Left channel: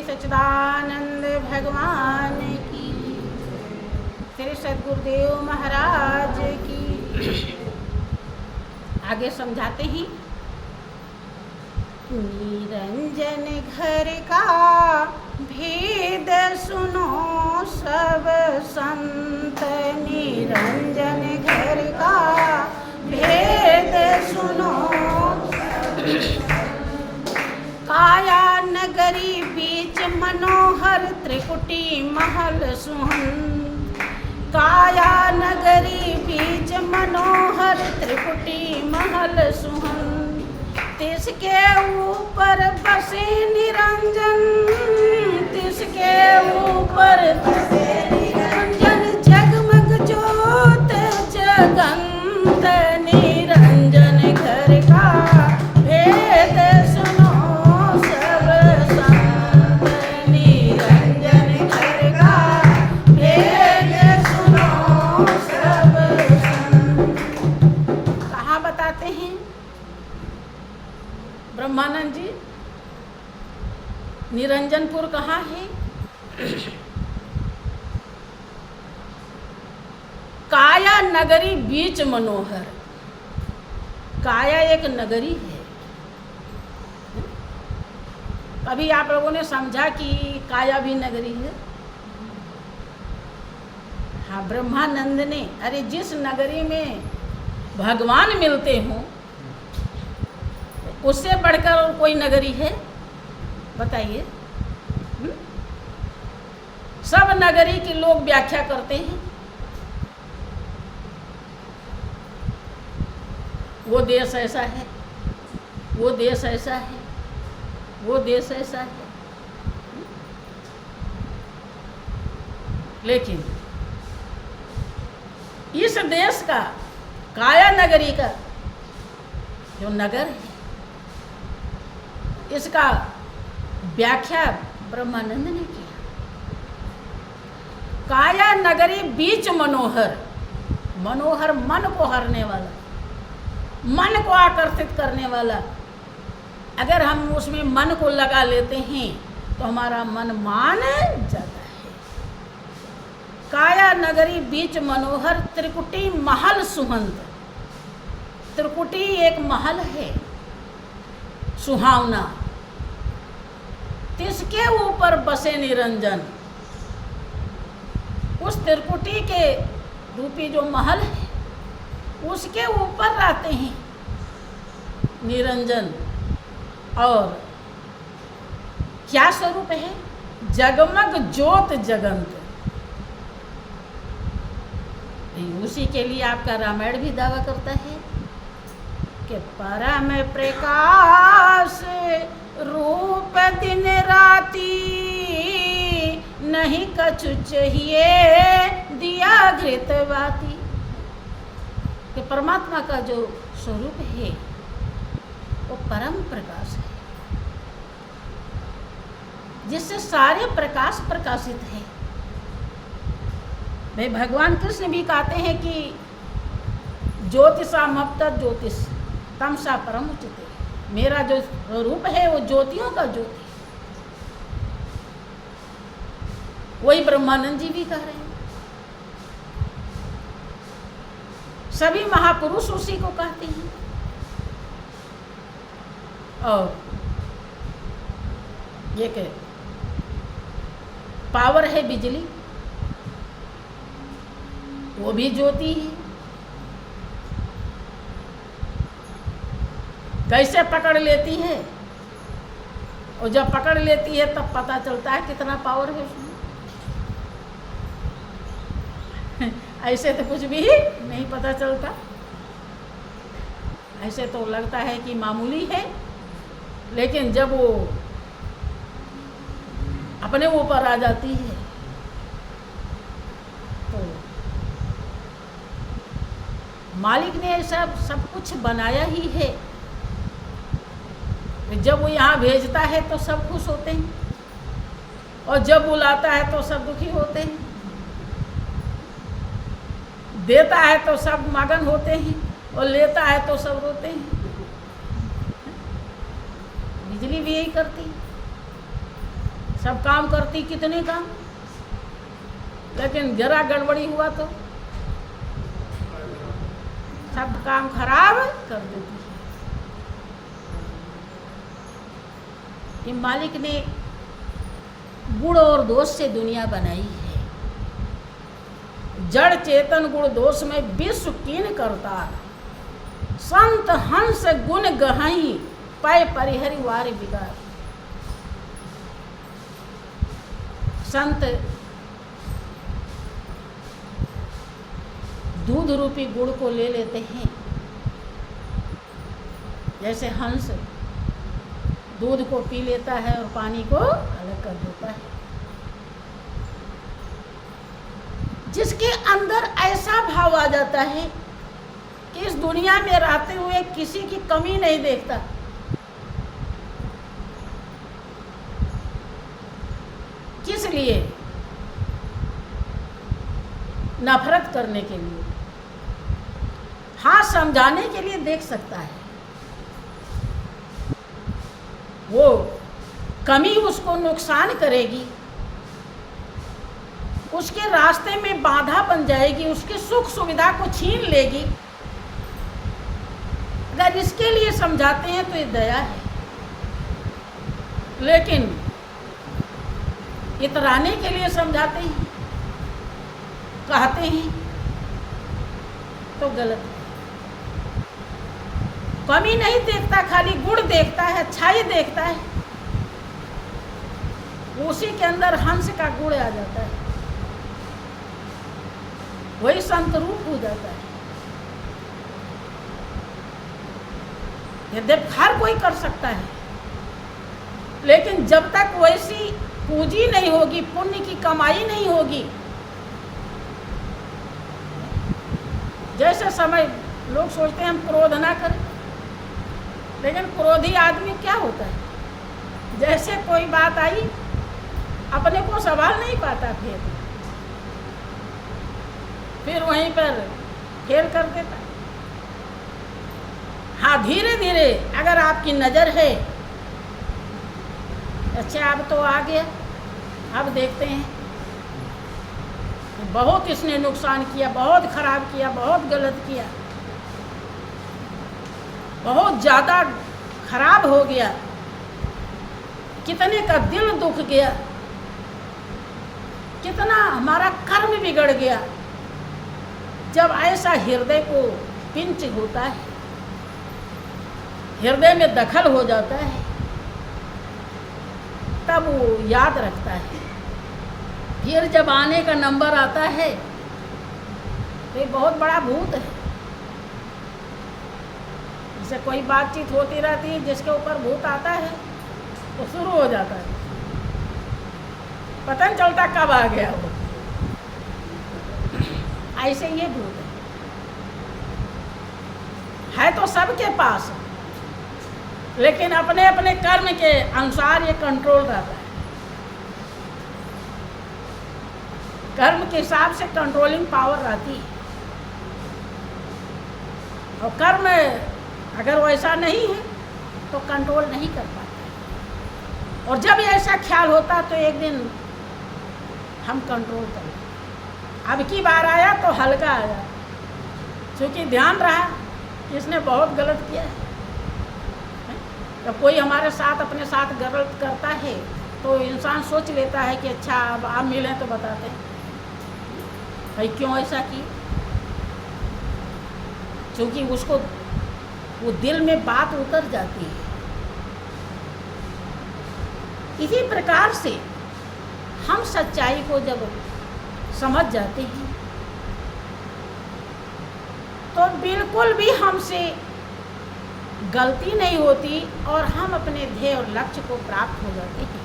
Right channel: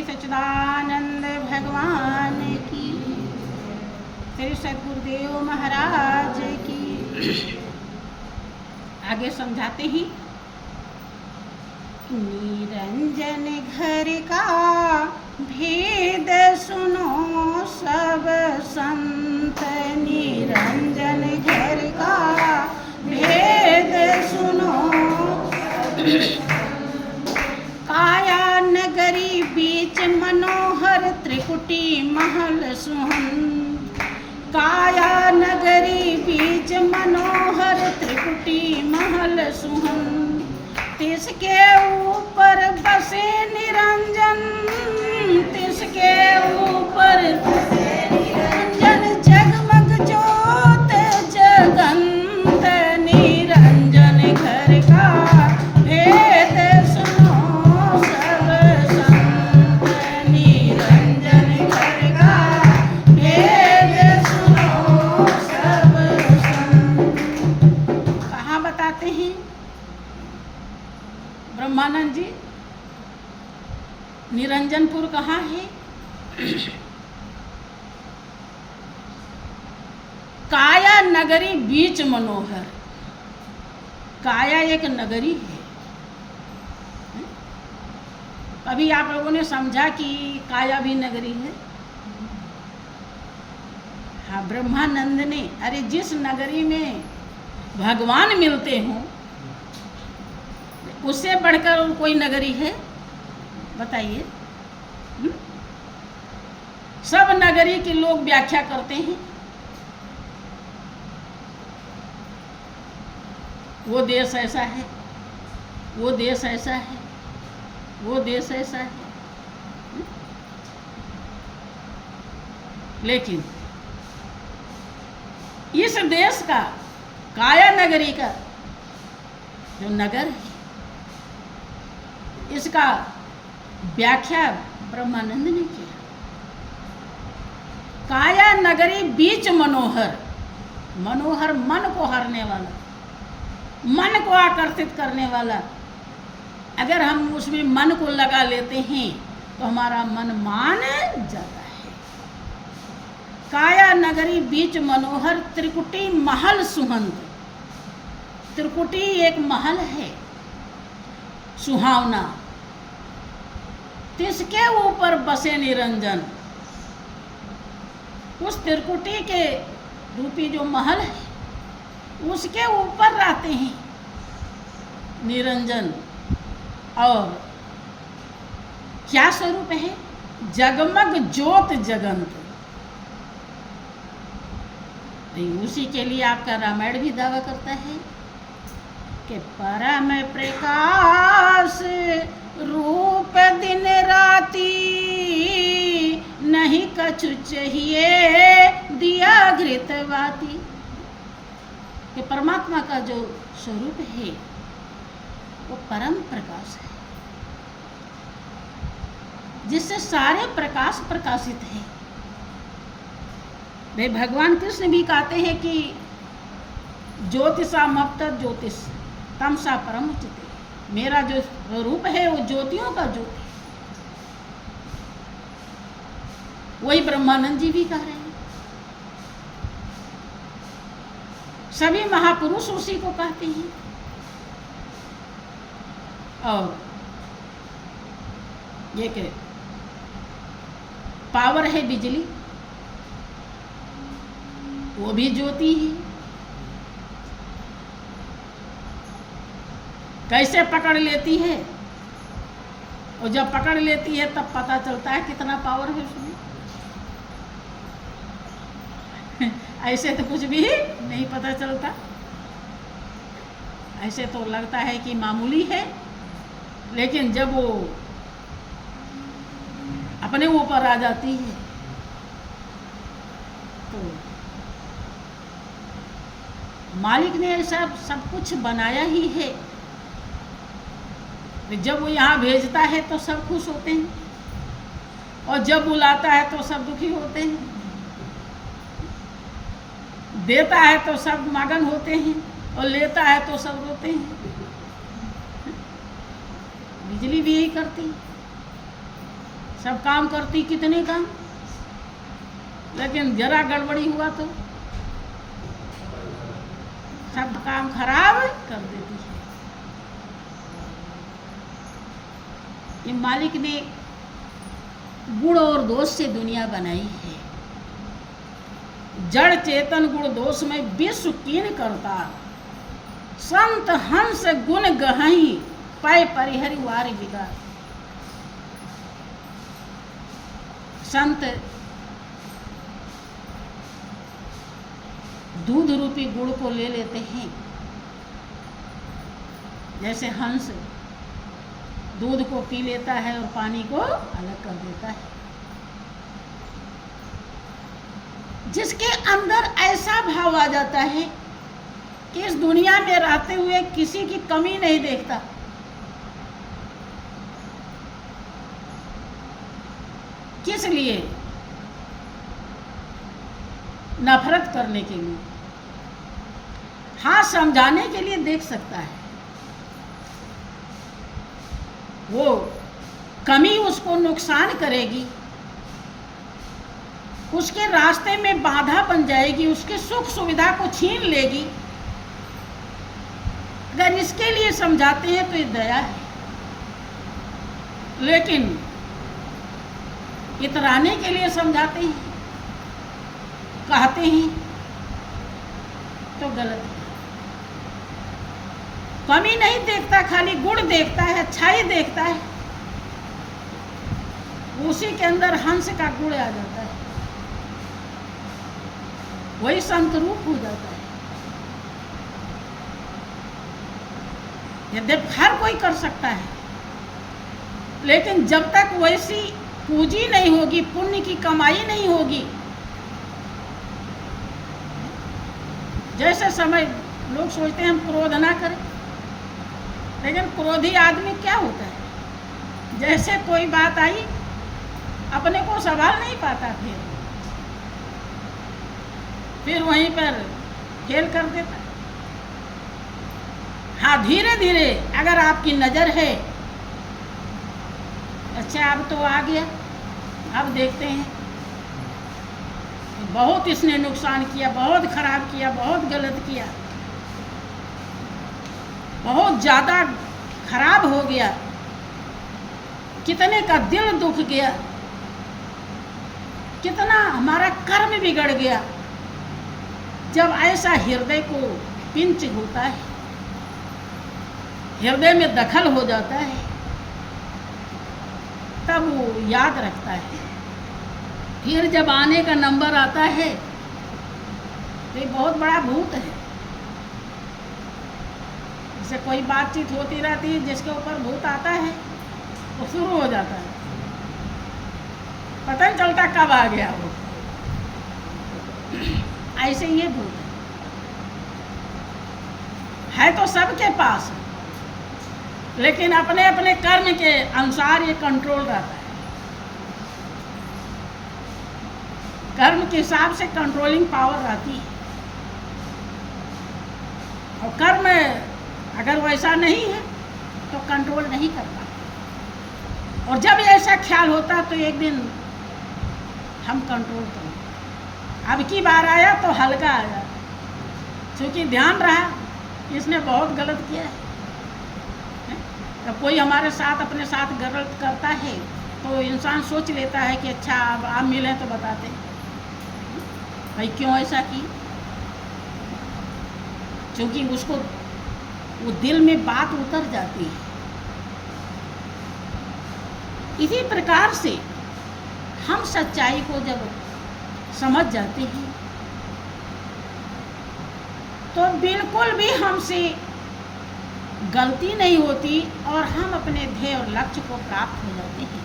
श्री सच्चिदानंद भगवान की, श्री सद्गुरुदेव महाराज की। आगे समझाते ही, निरंजन घर का भेद सुनो सब संत, निरंजन घर का भेद सुनो। काया नगरी बीच मनोहर त्रिकुटी महल सुहन, काया नगरी बीच मनोहर त्रिकुटी महल सुहन। तिसके ऊपर बसे निरंजन, तिसके ऊपर बसे निरंजन, जगमग ज्योत जगंत, निरंजन घर का भेद सुनो सब संत, निरंजन घर का भेद सुनो सब संत। कहाँ बताते हैं ब्रह्मानंद जी? निरंजनपुर कहाँ है? काया नगरी बीच मनोहर। काया एक नगरी है। कभी आप लोगों ने समझा कि काया भी नगरी है? हाँ, ब्रह्मानंद ने, अरे जिस नगरी में भगवान मिलते हों उससे बढ़कर कोई नगरी है? बताइए। सब नगरी के लोग व्याख्या करते हैं, वो देश ऐसा है, वो देश ऐसा है, वो देश ऐसा है। लेकिन इस देश का, काया नगरी का जो नगर है, इसका व्याख्या ब्रह्मानंद ने किया। काया नगरी बीच मनोहर, मनोहर मन को हरने वाला, मन को आकर्षित करने वाला। अगर हम उसमें मन को लगा लेते हैं तो हमारा मन मान जाता है। काया नगरी बीच मनोहर त्रिकुटी महल सुहंत। त्रिकुटी एक महल है सुहावना, तिसके ऊपर बसे निरंजन। उस त्रिकुटी के रूपी जो महल है उसके ऊपर रहते हैं निरंजन। और क्या स्वरूप है? जगमग ज्योत जगंत। उसी के लिए आपका रामायण भी दावा करता है कि परम प्रकाश रूप दिन राती, नहीं कछु चाहिए दिया घृतवाती। कि परमात्मा का जो स्वरूप है वो परम प्रकाश है, जिससे सारे प्रकाश प्रकाशित है। भाई भगवान कृष्ण भी कहते हैं कि ज्योतिषामप्त ज्योतिष तमसा परम उचित। मेरा जो रूप है वो ज्योतियों का ज्योति। वही ब्रह्मानंद जी भी कह रहे हैं। सभी महापुरुष उसी को कहते हैं। और ये के पावर है बिजली, वो भी ज्योति है। कैसे पकड़ लेती है? और जब पकड़ लेती है तब पता चलता है कितना पावर है उसमें। ऐसे तो कुछ भी नहीं पता चलता। ऐसे तो लगता है कि मामूली है, लेकिन जब वो अपने ऊपर आ जाती है तो मालिक ने ऐसा सब कुछ बनाया ही है। जब वो यहाँ भेजता है तो सब खुश होते हैं, और जब बुलाता है तो सब दुखी होते हैं। देता है तो सब मगन होते हैं, और लेता है तो सब रोते हैं। बिजली भी यही करती है। सब काम करती, कितने काम, लेकिन जरा गड़बड़ी हुआ तो सब काम खराब कर देती है। ये मालिक ने गुण और दोष से दुनिया बनाई है। जड़ चेतन गुण दोष में विश्व कीन करता, संत हंस गुण गहई पय परिहरि वार विकार। संत दूध रूपी गुड़ को ले लेते हैं, जैसे हंस दूध को पी लेता है और पानी को अलग कर देता है। जिसके अंदर ऐसा भाव आ जाता है कि इस दुनिया में रहते हुए किसी की कमी नहीं देखता, किस लिए? नफरत करने के लिए। हाँ, समझाने के लिए देख सकता है, वो कमी उसको नुकसान करेगी, उसके रास्ते में बाधा बन जाएगी, उसके सुख सुविधा को छीन लेगी। अगर इसके लिए समझाते हैं तो ये दया है, लेकिन इतराने के लिए समझाते हैं, कहते हैं तो गलत है। कमी नहीं देखता, खाली गुण देखता है, अच्छाई देखता है, उसी के अंदर हंस का गुण आ जाता है, वही संत रूप हो जाता है। यद्यपि हर कोई कर सकता है, लेकिन जब तक वैसी पूंजी नहीं होगी, पुण्य की कमाई नहीं होगी, जैसे समय लोग सोचते हैं हम क्रोध ना करें, लेकिन क्रोधी आदमी क्या होता है, जैसे कोई बात आई अपने को संभाल नहीं पाता, फिर वहीं पर खेल कर देता। हाँ, धीरे धीरे अगर आपकी नज़र है, अच्छा अब तो आ गया, अब देखते हैं बहुत इसने नुकसान किया, बहुत खराब किया, बहुत गलत किया, बहुत ज़्यादा खराब हो गया, कितने का दिल दुख गया, कितना हमारा कर्म बिगड़ गया। जब ऐसा हृदय को पिंच होता है, हृदय में दखल हो जाता है, तब वो याद रखता है। फिर जब आने का नंबर आता है तो ये बहुत बड़ा भूत है। जैसे कोई बातचीत होती रहती है, जिसके ऊपर भूत आता है वो शुरू हो जाता है, पता नहीं चलता कब आ गया वो। ऐसे ये भूत है तो सबके पास, लेकिन अपने अपने कर्म के अनुसार ये कंट्रोल रहता है। कर्म के हिसाब से कंट्रोलिंग पावर रहती है, और कर्म अगर वैसा नहीं है तो कंट्रोल नहीं कर पाता। और जब ऐसा ख्याल होता तो एक दिन हम कंट्रोल करें। अब की बार आया तो हल्का आया, क्योंकि ध्यान रहा इसने बहुत गलत किया है। जब कोई हमारे साथ अपने साथ गलत करता है तो इंसान सोच लेता है कि अच्छा अब आप मिलें तो बताते हैं भाई क्यों ऐसा की, क्योंकि उसको वो दिल में बात उतर जाती है। इसी प्रकार से हम सच्चाई को जब समझ जाते हैं तो बिल्कुल भी हमसे गलती नहीं होती और हम अपने ध्येय और लक्ष्य को प्राप्त हो जाते हैं।